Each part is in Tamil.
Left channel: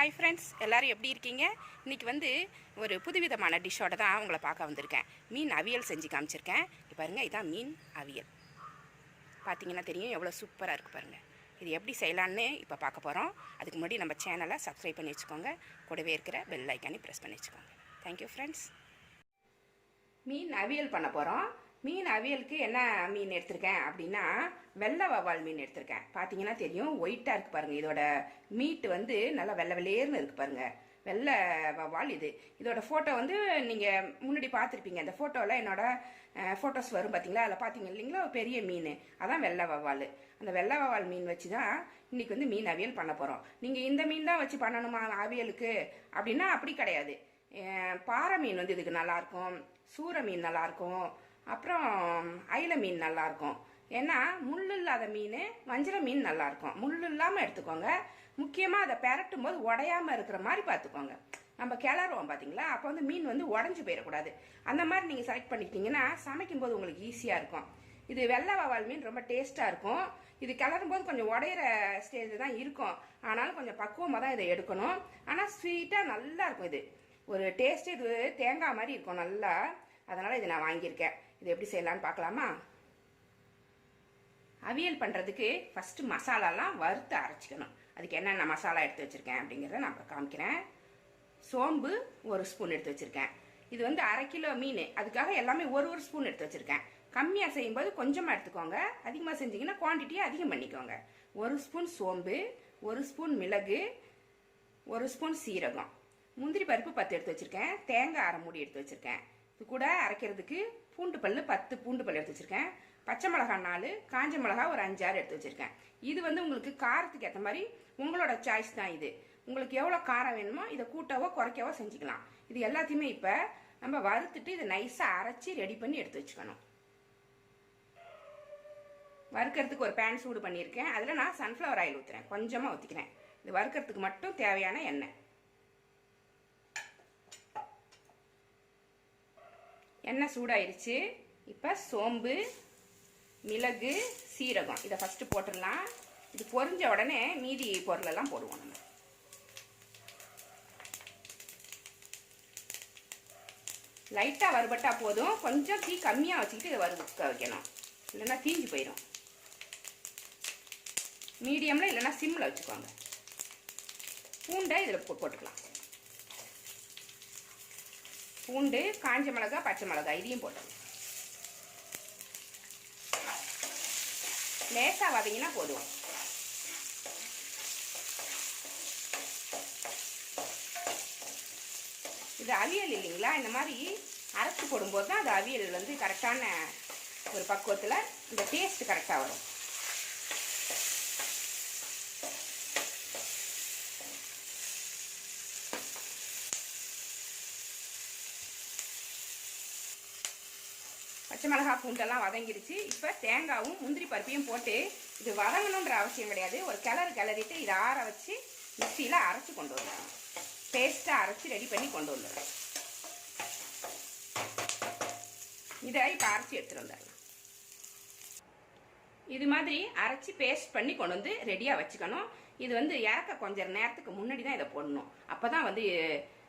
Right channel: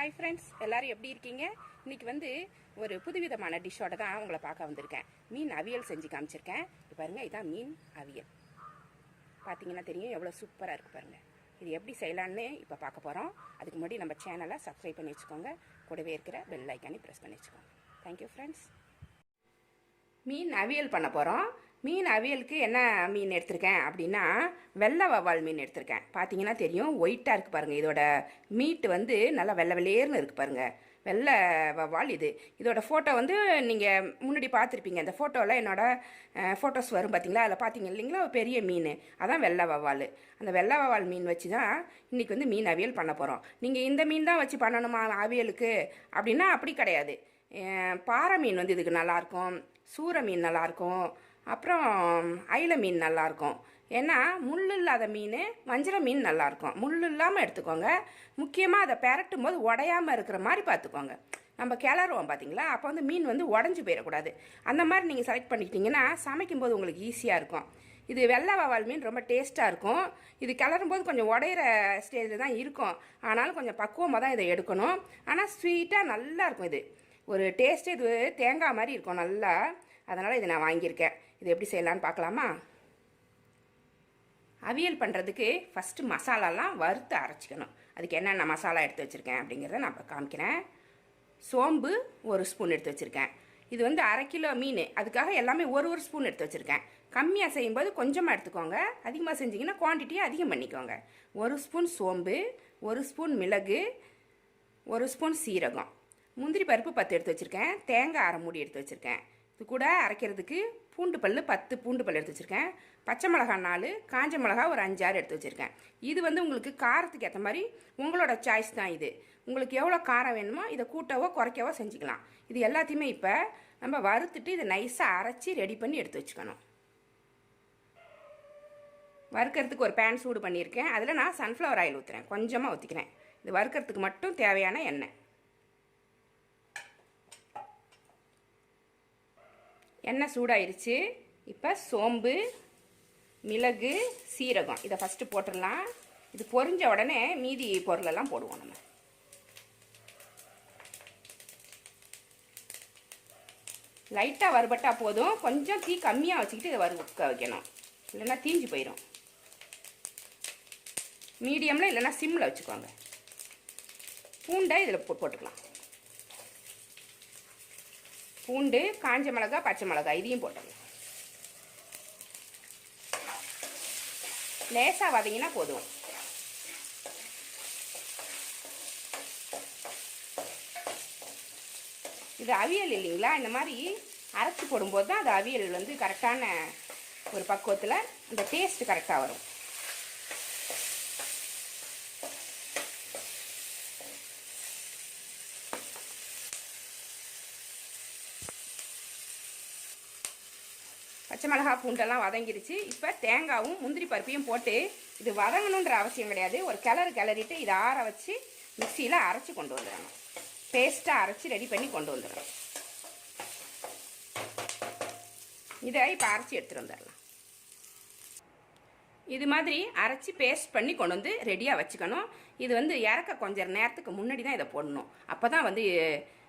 ஹாய் ஃப்ரெண்ட்ஸ் எல்லோரும் எப்படி இருக்கீங்க? இன்றைக்கி வந்து ஒரு புதுவிதமான டிஷ்ஷோட தான் உங்களை பார்க்க வந்திருக்கேன். மீன் அவியல் செஞ்சு காமிச்சிருக்கேன். இப்போ பாருங்கள் இதான் மீன் அவியல். பார்த்தீங்கன்னா தெரியும் எவ்வளோ சூப்பராக இருக்குது பாருங்கள் இது எப்படி செய்யலான்னு இப்போ பார்க்க போகிறோம் அதுக்கு முன்னாடி நம்ம சேனலை சப்ஸ்கிரைப் பண்ணி வச்சுக்கோங்க. கூடவே இருக்கிற பெல் ஐக்கானே ப்ரெஸ் பண்ணி வச்சுக்கோங்க. தேங்க்யூ ஃப்ரெண்ட்ஸ் மீன் அவியல் பண்ண போகிறோம் மீன் அவியலுக்கு என்ன மீன் எடுத்திருக்கேன் அப்படின்னா வெள்ளை வவால் மீன் எடுத்திருக்கேன். பார்த்தீங்கன்னா தெரியும் ஒயிட்டாக இருக்குது பாருங்கள் இதோட மீட் வந்து நல்லா வெள்ளை வெள்ளையர்னு இருக்குது பாருங்கள் வெள்ளை வவால் இது. இதோட ஃபோட்டோ வந்து நீங்கள் முன்னாடி பார்த்துருப்பீங்க அந்த ஃபோட்டோவில் என்னோட ஃபோட்டோஸ் வரும் பார்த்தீங்களா அதில் பார்த்தீங்க இல்லைங்களா? ஒரு பெரிய மீன். அதான் வெள்ளை வவ்வால். அந்த வெள்ளை வவ்வால் மீன் வச்சு தான் இன்றைக்கி வந்து மீன் அவியல் பண்ண போகிறோம் நீங்கள் இந்த மீன் தான் வச்சு பண்ணணுமா அவியலுக்கு? அப்படின்னா அப்படி கிடையாது. பாறை மீன் வந்து இதுக்கு நல்லாயிருக்கும் சூற மீன் நல்லாயிருக்கும் அப்புறம் அயில மீன் நல்லாயிருக்கும் ஏன்னா முள் இல்லாத மீன் வஞ்சிர மீன் நல்லாயிருக்கும் முள் இல்லாமல் எடுத்துக்கோங்க. முக்கியமாக அதை பெரட்டும் போது உடையாமல் இருக்கிற மாதிரி பார்த்துக்கோங்க நம்ம கிளறுவோம் பார்த்தீங்களா அப்போ வந்து மீன் வந்து உடஞ்சி போயிடக்கூடாது. அந்த மாதிரி நீங்கள் செலக்ட் பண்ணிக்கிட்டீங்கன்னா சமைக்கும்போது உங்களுக்கு ஈஸியாக இருக்கும். இது வெள்ளை வவால் மீன் ரொம்ப டேஸ்ட்டாக இருக்கும். இது கிளறும் போது கொஞ்சம் உடையிற ஸ்டேஜில் தான் இருக்கும். ஆனாலும் கொஞ்சம் பக்குவமாக தான் இதை எடுக்கணும். ஆனால் ஸ்வீட்டாக நல்லா இருக்கும் இது. ஒரு டேஸ்ட்டு இது தேங்காய் மாதிரி இருக்கும் நல்லா. அதனால் இதை நான் வாங்கியிருக்கேன். இது எப்படி செய்யலான்னு பார்க்கலாமா? அவியல் பண்ணுறதுக்கு ஃபஸ்ட்டு மசாலாலாம் வறுத்து அரைச்சிக்கணும். அதுக்கு என்னென்ன மசாலா எடுத்து வச்சுருக்கேன் அப்படிங்கிறத நான் இப்போ காமிக்கிறேன். சோம்பு ஒரு ஸ்பூன் எடுத்து வச்சுருக்கேன். இது வந்து அரை கிலோ மீன். அதுக்காக எல்லாமே ஒரு ஒரு ஸ்பூன் எடுத்து வச்சுருக்கேன். கம்மியாக செய்யும்போது கொஞ்சமாக எடுத்துக்கோங்க. அதிகமாக செஞ்சிங்கன்னா குவான்டிட்டியை அதிகம் பண்ணிக்கோங்க. ஒரு ஸ்பூன் சோம்பு ஒரு ஸ்பூன் மிளகு ஒரு ஸ்பூன் சீரகம். முந்திரி பருப்பு பத்து எடுத்து வச்சுருக்கேன். தேங்காய் அரை மூடி எடுத்து வச்சுருக்கேன். இது கூட அரைக்கிறதுக்கு பூண்டு பல் பத்து பூண்டு பல் எடுத்து வச்சுருக்கேன். பச்சை மிளகாய் நாலு காஞ்ச மிளகா ஒரு அஞ்சாறு எடுத்து வச்சுருக்கேன். இது வந்து உங்களுக்கு காரத்துக்கு ஏற்ற மாதிரி உங்களோட சாய்ஸ் தான் இது. உங்களுக்கு எவ்வளோ காரம் வேணுமோ இதை கூட்டவோ குறைக்கவோ செஞ்சுக்கலாம். இது எல்லாத்தையுமே இப்போ நம்ம வறுத்துட்டு இதை நைஸாக அரைச்சி ரெடி பண்ணி எடுத்து வச்சுக்கணும். வறுக்கிறதுக்கு ஒரு பேன் சூடு பண்ணியிருக்கேன். அதில் நான் சன்ஃப்ளவர் ஆயில் ஊற்றுறேன் கொஞ்சமாக ஊற்றிக்கிறேன் இது வறுக்கிறதுக்கு மட்டும் தேவையான எண்ணெய். எண்ணெய் சூடாயிருச்சு. இப்போ சோம்பு மிளகு சீரகம். இதை ஃபஸ்ட்டு போட்டுடலாம் இது பொரிஞ்ச உடனே மீதி பொருளெல்லாம் போடுவோம் நம்ம. லைட்டாக வறுபட்டால் போதும். கொஞ்சம் தீ கம்மியாக வச்சுக்கிட்டு இதை வறுக்க வைக்கணும். இல்லைன்னா தீஞ்சு போயிடும் மீடியமில் இல்லைன்னா சிம்மில் வச்சுக்கோங்க. பூண்டை இதில் போ போட்டுக்கலாம். பூண்டு காஞ்ச மிளகா பச்சை மிளகா இதையும் போட்டுருங்க லேசாக வதங்கினா போதும். இது அவியல் இல்லைங்களா? இந்த மாதிரி அரைச்சி போடும்போது தான் அது அவியல் வந்து கரெக்டான ஒரு பக்குவத்தில் இந்த டேஸ்ட் கரெக்டாக வரும். பச்சை பூண்டெல்லாம் வதங்கிடுச்சு இப்போ தேங்காவும் முந்திரி பருப்பையும் போட்டு இது வதங்கணுன்ற அவசியம் கிடையாது. ஒரு கிளறு கிளறிட்டு இதை ஆற வச்சு மிக்சியில் அரைச்சி கொண்டு வந்துடுறேன். பேஸ்ட்டாக அரைச்சி ரெடி பண்ணி கொண்டு வந்துடுறேன். இதை இப்போ அரைச்சி எடுத்துகிட்டு வந்துடலாம். இது மாதிரி அரைச்சி பேஸ்ட் பண்ணி கொண்டு வந்து ரெடியாக வச்சுக்கணும். இது வந்து இறக்க கொஞ்சம் நேரத்துக்கு முன்னாடி தான் இதை போடணும். அப்போ தான் வந்து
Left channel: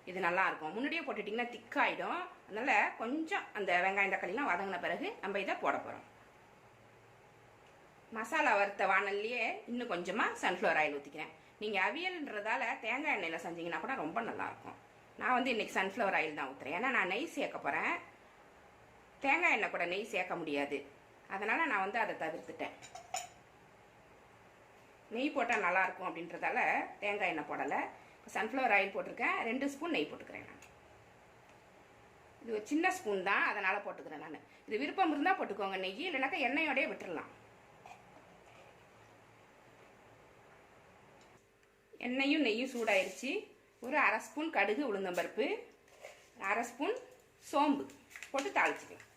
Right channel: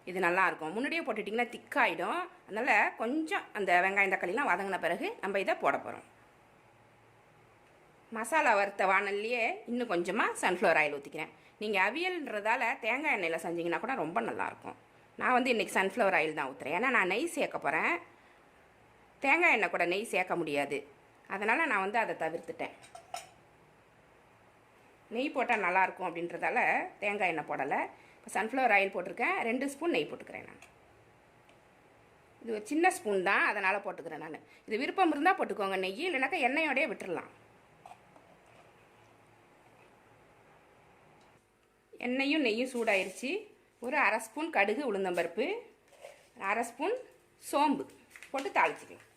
இது நல்லாயிருக்கும். முன்னாடியே போட்டுட்டிங்கன்னா திக்காயிடும். அதனால் கொஞ்சம் அந்த வெங்காயம் தக்காளிலாம் வதங்கின பிறகு நம்ம இதை போட போகிறோம் மசாலா வறுத்த வானல்லையே இன்னும் கொஞ்சமாக சன்ஃப்ளவர் ஆயில் ஊற்றிக்கிறேன் நீங்கள் அவியல்ன்றதால தேங்காய் எண்ணெயில் செஞ்சீங்கன்னா கூட ரொம்ப நல்லாயிருக்கும். நான் வந்து இன்றைக்கி சன்ஃப்ளவர் ஆயில் தான் ஊற்றுறேன் ஏன்னா நான் நெய் சேர்க்க போகிறேன் தேங்காய் எண்ணெய் கூட நெய் சேர்க்க முடியாது. அதனால் நான் வந்து அதை தவிர்த்துட்டேன். நெய் போட்டால் நல்லாயிருக்கும் அப்படின்றதால தேங்காய் எண்ணெய் போடலை. இப்போ சன்ஃப்ளவர் ஆயில் போட்டிருக்கேன். ரெண்டு ஸ்பூன் நெய் போட்டுக்கிறேன் நான். இது ஒரு சின்ன ஸ்பூன் தான் அதனால் போட்டுக்கிறேன் நான். இது விருப்பம் இருந்தால் போட்டுக்கோங்க நெய் இல்லைனாக்கா எண்ணெயோடய விட்டுடலாம் எண்ணெயும் நெய்யும் சூடாயிருச்சு. ஒரு அரை ஸ்பூன் கடுகு உளுந்தம்பருப்பு அரை ஸ்பூன் சோம்பு போட்டு தாளிச்சிக்கலாம்.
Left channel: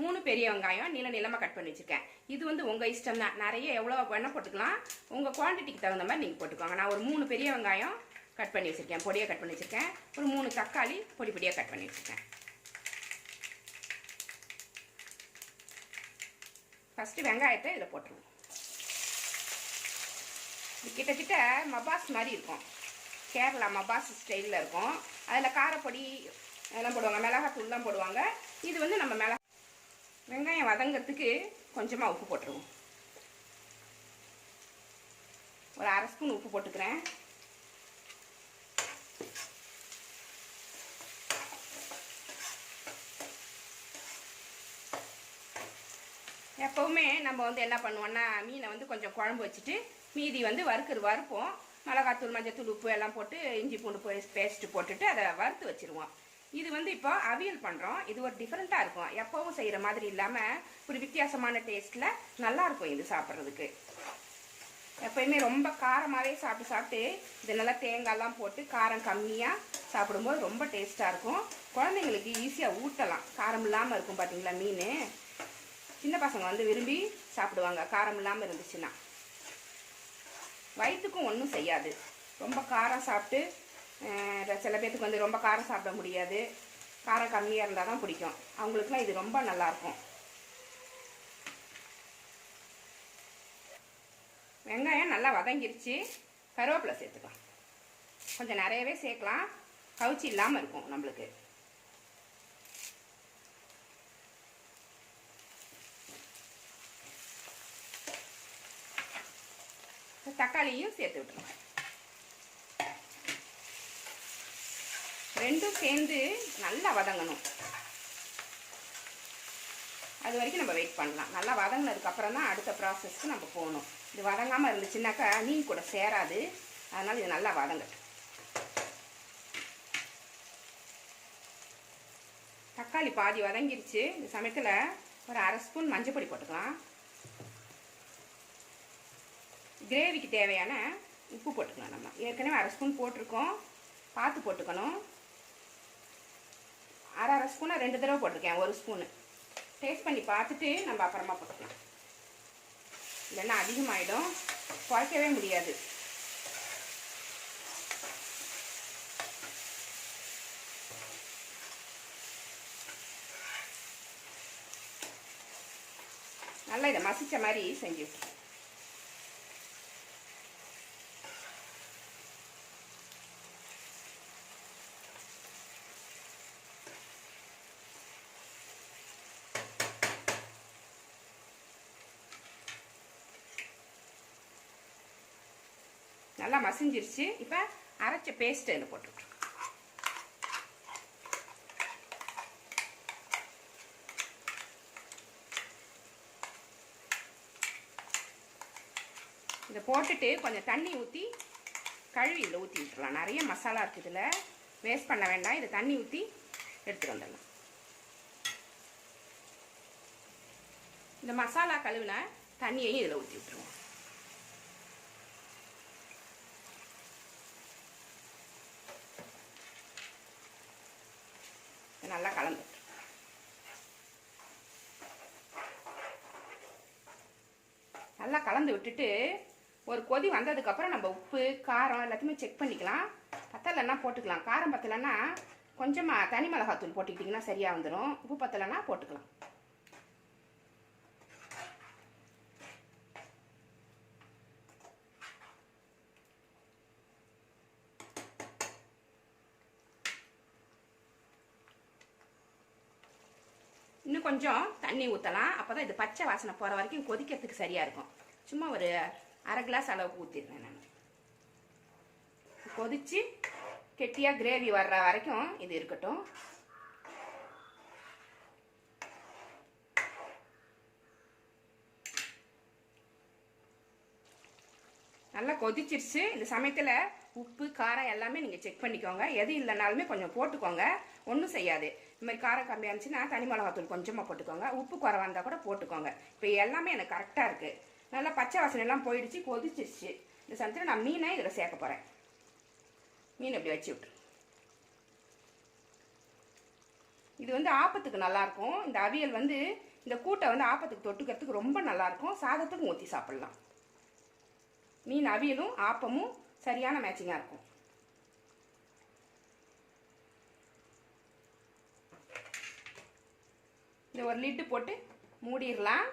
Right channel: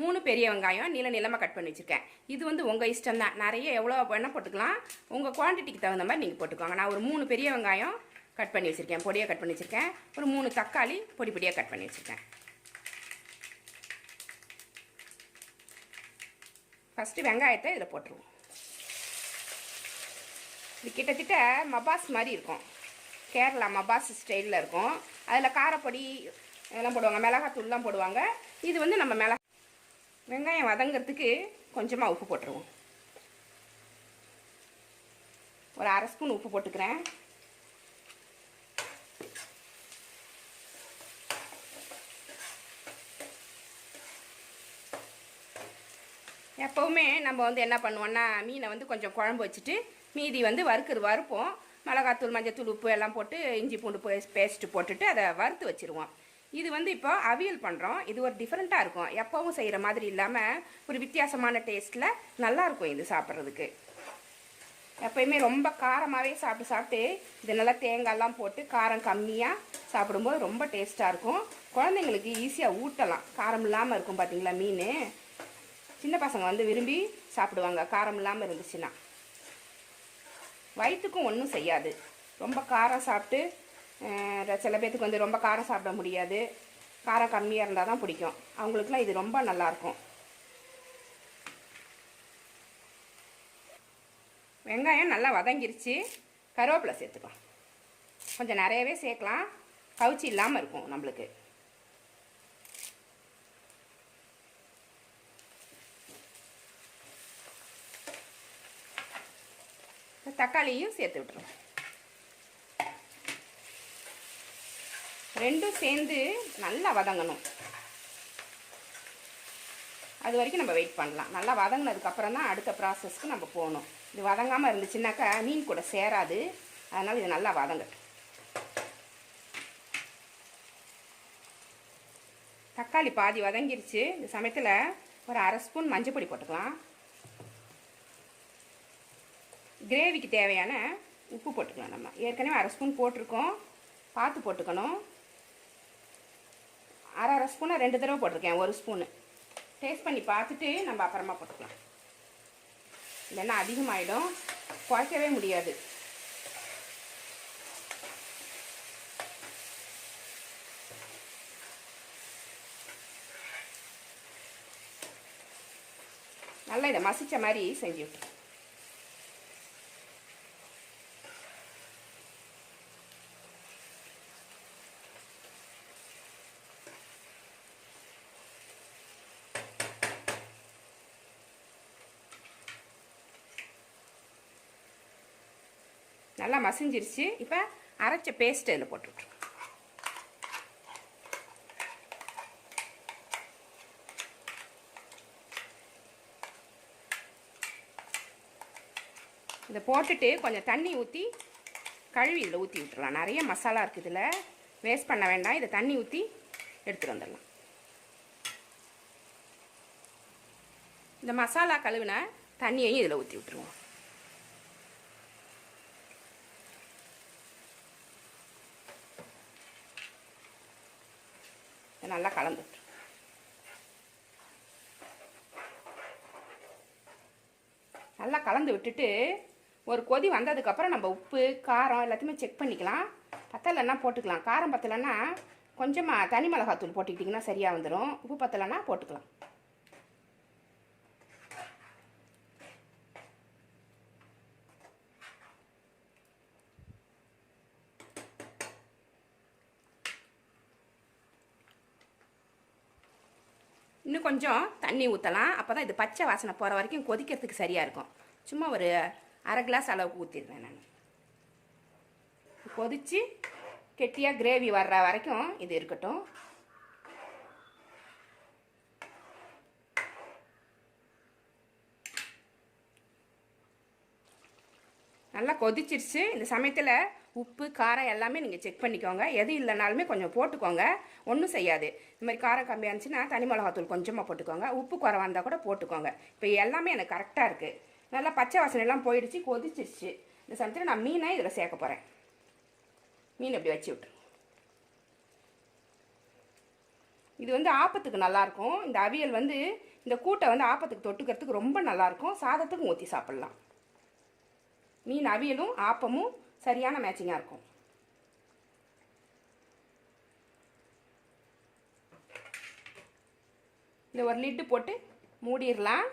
மூணு பெரிய வெங்காயம் நீள நீளமாக கட் பண்ணி வச்சுருக்கேன். இது வந்து உங்கள் இஷ்டம் தான் நிறைய எவ்வளோ வேணால் போட்டுக்கலாம். உங்கள் குவான்டிட்டிக்கு தகுந்த மாதிரி நீங்கள் போட்டுக்கோங்க நான் ஒரு மூணு பெரிய வெங்காயம் கட் பண்ணி வச்சுருக்கேன். பொடியாக கட் பண்ணி வச்சுருக்கேன். ஒரு மூணு தக்காளி பொடி பொடியாக கட் பண்ணி வச்சுருக்கேன். ஃபஸ்ட்டு வெங்காயத்தை இதில் போட்டுருவோம். இது கிட்டத்தட்ட மபாஸ் மாதிரி இருக்கும். கேரளா மபாஸ் ஸ்டைலில் இருக்கும். அதில் காரப்பொடி எல்லாம் போடுவாங்க. மிளகாத்தூள்லாம் போடுவாங்க. இது வந்து நம்ம மிளகா வெங்காயம் வதங்கிறதுக்கு கொஞ்சமாக உப்பு போட்டுருவோம். ஒரு அரை ஸ்பூன் உப்பு போட்டுக்கிறேன். எப்போவுமே நம்ம வந்து என்ன பண்ணுவோம்னா மீனை வந்து கொஞ்சம் குழம்பு வச்சுட்டு மீதி வந்து வறுக்கிற வறுப்போம். மிளகாத்தூள் மஞ்சத்தூள் உப்பு எல்லாம் போட்டு இஞ்சி பூண்டு பேஸ்ட்டு போட்டுட்டு அதை வறுத்து வச்சிருவோம். இது வந்து இப்போ அவியல் பண்ணுறோம் இது ஒரு டிஃப்ரெண்ட்டாக இருக்கும். எப்போவும் செய்கிற மாதிரி இல்லாமல் ஒரு வித்தியாசமான டேஸ்ட்டில் நல்லாயிருக்கும் இது சாப்பிட்றதுக்கு. எப்போயுமே ரொம்ப காரமாகவே சாப்பிட்டு சாப்பிட்டு இது நல்லா தேங்காய்லாம் போட்டு காரம் கம்மியாக சாப்பிடும்போது ரொம்ப டேஸ்ட்டாக இருக்கும். குழந்தைங்களுக்கு ஈஸியாக ஊட்டலாம். காரம் இல்லாமல் இருக்கும் பார்த்தீங்களா மீன்? சின்ன பசங்க வந்து விரும்பி சாப்பிடுவாங்க. காரம் இல்லாமல் இருந்துச்சுன்னா. வயிற்றுக்கும் ஒன்றும் செய்யாது. ரொம்ப காரம் சாப்பிட்டு சில பேர்த்துக்கு வந்து ரொம்ப காரம் சாப்பிட முடியாது. காரம் கம்மியாக இருந்தால் தான் பிடிக்கும். அவங்களுக்குலாம் இது ரொம்ப நல்லாயிருக்கும் வெங்காயம் நல்லா வதங்கிருச்சு. கருவேப்பிலை சேர்த்துக்கலாம். கொஞ்சம் நிறையவே சேர்க்கலாம். கவுச்சி இல்லாமல் இருக்கும் நம்மளுக்கு. தக்காளியும் சேர்த்து விட்டுருவோம் ரெண்டும் சேர்ந்து நல்லா வதங்கணும். அது வரைக்கும் நம்ம வெயிட் பண்ணலாம். நல்லா வதங்கினதுக்கப்புறம் தான் அடுத்த ப்ராசஸ்க்கு நம்ம போகணும். இது வதங்காமல் இருந்துச்சுன்னாக்கா மீன் கூட சேராது. அதனால் இது நல்லா வதங்கட்டும் தக்காளி பாதி வதங்கிருச்சு. இந்த சமயத்தில் ஒரு அரை ஸ்பூன் மஞ்சள் பொடி போட்டுக்கலாம். கிரேவிக்கு தேவையான உப்பு போட்டுக்கலாம் நம்ம. ஏற்கனவே அரை ஸ்பூன் போட்டிருக்கோம். பார்த்து போட்டுக்கணும். அரை அரை ஸ்பூனை ரெண்டு தடவை போட்டிருக்கேன் ஒரு ஸ்பூனு. டேஸ்ட் பண்ணி பார்த்துட்டு நம்ம அப்புறமா போட்டுக்கலாம். இல்லைன்னா அதிகமாகிடும் குறைக்கவே முடியாது. நல்லா இதை மசிச்ச மாதிரி செஞ்சு நல்லா மசிஞ்சிருச்சு. இப்போ அரைச்ச பேஸ்ட் இதில் போட்டுவிட்ருங்க இதை போட்டுட்டு கொஞ்சம் தண்ணி ஊற்றி கழுவி இதில் ஊற்றி விட்டுருலாம் நிறைய மசாலா இருக்குது இதில். வேஸ்ட் பண்ண வேண்டாம். இதை தண்ணி ஊற்றி எடுத்துகிட்டு வந்துடலாம். இந்த மசாலா கழுவின தண்ணியையும் இதில் ஊற்றி விட்டுருவோம் இதை நல்லா கலந்து நல்லா கலந்து விட்டுட்டு ஒரு கொதி வந்ததுக்கப்புறம் நம்ம உப்பு காரம் எல்லாத்தையுமே செக் பண்ணிக்கலாம். பத்தலைன்னா போட்டுக்கலாம். காரம் பத்தலைன்னா கொஞ்சமாக தனி மிளகாத்தூள் போட்டுக்கிட்டிங்கன்னா சரியாக வந்துடும் உப்பு பத்தலைன்னா போட்டுக்கலாம். இன்னும் கொஞ்சம் தண்ணி ஊற்றலாம் அப்போ தான் இது பச்சை வாசனை போகிற வரைக்கும் கொதிக்கிறதுக்கு சரியாக இருக்கும். சும்மா ஒரு அரை கிளாஸ் அளவுக்கு ஊற்றிடுவேன் நான். கொதிச்சு கெட்டியாக கிரேவி வர்ற வரைக்கும் இது இருக்கட்டும். நல்லா கொதிச்சிருச்சு. இந்த சமயத்தில் உப்பு காரம் எல்லாமே நீங்கள் செக் பண்ணிக்கோங்க. எது இல்லைனாலுமே கொஞ்சம் போட்டுக்கோங்க. ஒன்றும் செய்யாது. இந்த மாதிரி காரம் கம்மியாக இருந்துச்சுன்னா தனி மிளகாத்தூள் கொஞ்சமாக போட்டுக்கோங்க. உப்பு குறவாக இருந்தால் கூட போட்டுக்கோங்க. இப்போ எல்லாமே எனக்கு கரெக்டாக இருக்குது நல்லா பச்சை வாசனை எல்லாம் போயிடுச்சு கொதிச்சிருச்சு. இந்த சமயத்தில் நான் மீனை இதில் சேர்க்க போகிறேன் மீன் இப்படி வச்சு விட்டுரு. இது வந்து ஆப்பத்துக்கு நல்லாயிருக்கும் இந்த அவியல் வந்து இந்த கூட்டை வந்து ஆப்பத்துக்கு தொட்டுக்கிறதுக்கு ரொம்ப நல்லாயிருக்கும் சாதத்துக்கும் ஊற்றி சாப்பிட்லாம். மீன் அவியலும் ஆப்பமும் சரியான மேட்சிங்காக இருக்கும். இந்த ஒரு லிட்டு போட்டு மூடிடலாம்.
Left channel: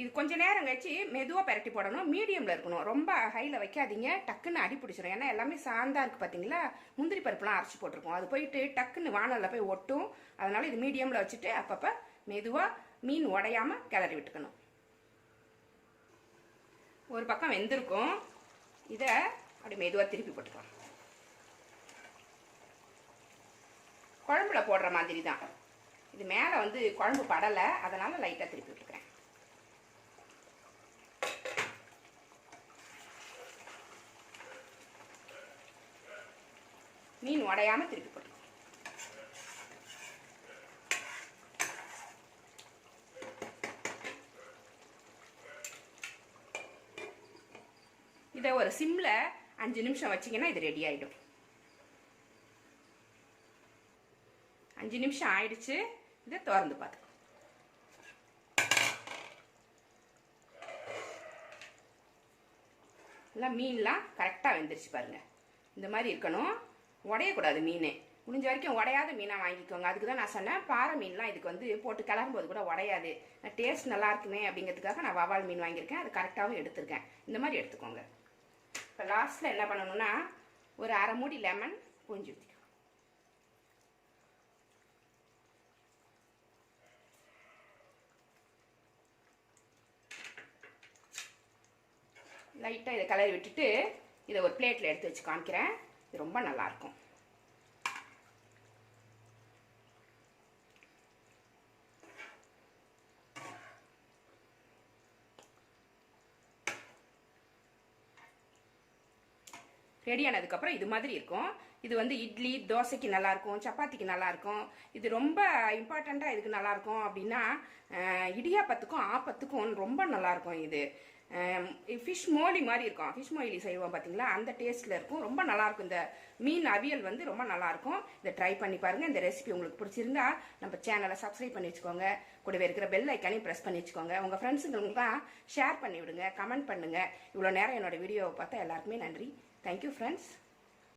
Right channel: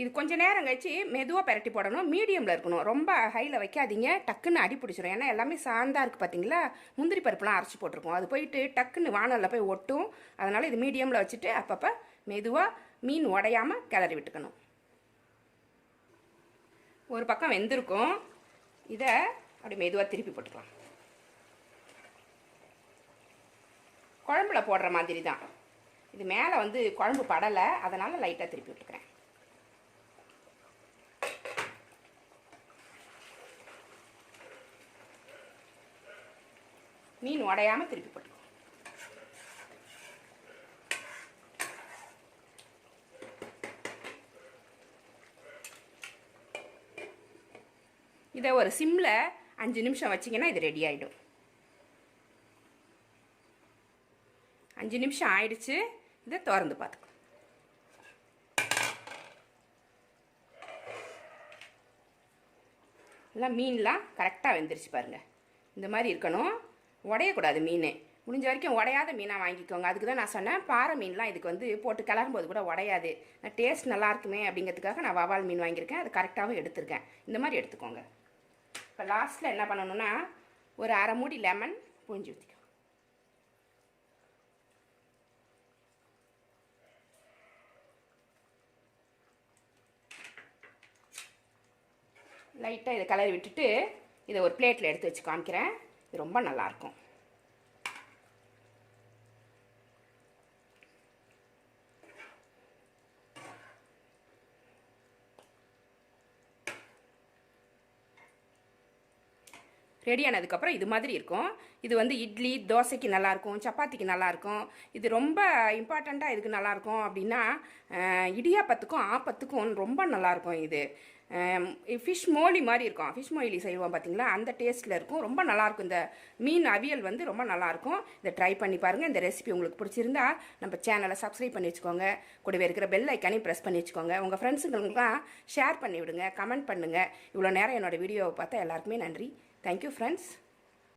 இது கொஞ்ச நேரம் கழிச்சு மெதுவாக பரட்டி போடணும். மீடியமில் இருக்கணும். ரொம்ப ஹையில் வைக்காதீங்க. டக்குன்னு அடி பிடிச்சிரும். ஏன்னா எல்லாமே சாந்தா இருக்குது பார்த்தீங்களா முந்திரி பருப்புலாம் அரைச்சி போட்டிருக்கோம். அது போயிட்டு டக்குன்னு வானலில் போய் ஒட்டும். அதனால் இது மீடியமில் வச்சுட்டு அப்பப்போ மெதுவாக மீன் உடையாமல் கிளறி விட்டுக்கணும். ஒரு பக்கம் வெந்திருக்கும். இதை அப்படி மெதுவாக திருப்பி போட்டுக்கலாம். குழம்புல போடுற மாதிரி தான் இது மேலே வந்து குழம்பு படலை. அதனால் லைட்டாக திருப்பி விட்டுக்கிறேன். மீன் உடையாமல் திருப்பி போட்டுக்கலாம் இதை ஒரு சிம்மில் அஞ்சு நிமிஷம் வச்சிங்கன்னா இது ரெடி ஆகிடும் அஞ்சு நிமிஷம் ஆயிடுச்சு இதை திறந்து பார்த்து. எல்லாம் மீன்லாம் கரெக்டாக வெந்துருச்சு பாருங்கள் இந்த மாதிரி இருக்கணும். உடையக்கூடாது மீன். முடிஞ்ச வரைக்கும் உடையாத மீனாக வாங்கிக்கோங்க. அதுக்கு தான் நான் சொன்னேன். பாறை மீன்லாம் இதுக்கு வந்து போட்டு கிளறும்போது கூட உடையாது. டேஸ்ட் நல்லா இருக்குமே அப்படிங்கிறதுக்காக நான் வவால் மீன் வாங்கியிருக்கேன். அது கரெக்டாகவும் எடுத்திருக்கேன். இந்த மாதிரி எடுத்துக்கோங்க. இப்போ லாஸ்ட்டில் என்ன பண்ணணும்னா ஒரு அரை மூடி லெமன் புழிஞ்சு ஊற்றிக்கோ லைட்டாக இதை கலரி விட்டுட்டு இதை ஒரு பிளேட்டில் எடுத்து வச்சு காமிக்கிறேன். ரொம்ப நல்லாயிருக்கும் ரெடி ஆனதுக்கப்புறம் இது மாதிரி இருக்கும். இது வந்து இட்லி தோசைக்கு நல்லாயிருக்கும் சப்பாத்திக்கு நல்லாயிருக்கும். இது ரொம்ப இம்பார்ட்டண்ட்டாக இதுக்கு நல்லாயிருக்கும் அப்படின்னா இடியாப்பத்துக்கும் ஆப்பத்துக்கும் ரொம்ப நல்லாயிருக்கும் இது. ஃபிஷ் மோலி மாதிரி இருக்கும். ஃபிஷ் மோலி செய்வோம் பார்த்தீங்களா? அந்த டேஸ்ட்டில் இருக்கும். ரொம்ப நல்லாயிருக்கும். இந்த மீன் அவியல் வந்து ரொம்ப நல்லாயிருக்கும். இதை ட்ரை பண்ணி பாருங்கள் இந்த ரெசிபி உங்களுக்கு பிடிச்சிருந்தா நம்ம சேனலை சப்ஸ்கிரைப் பண்ணி வச்சுக்கோங்க. கூடவே இருக்கிற பெல் ஐக்கானே ப்ரெஸ் பண்ணி வச்சுக்கோங்க. உங்கள் ஃப்ரெண்ட்ஸுங்களுக்குலாம் ஷேர் பண்ணி விடுங்க. கமெண்ட் பண்ணுங்கள் இவ்வளோ நேரம் என்னோட வீடியோவை பார்த்தா எல்லாருக்குமே நன்றி. Thank you friends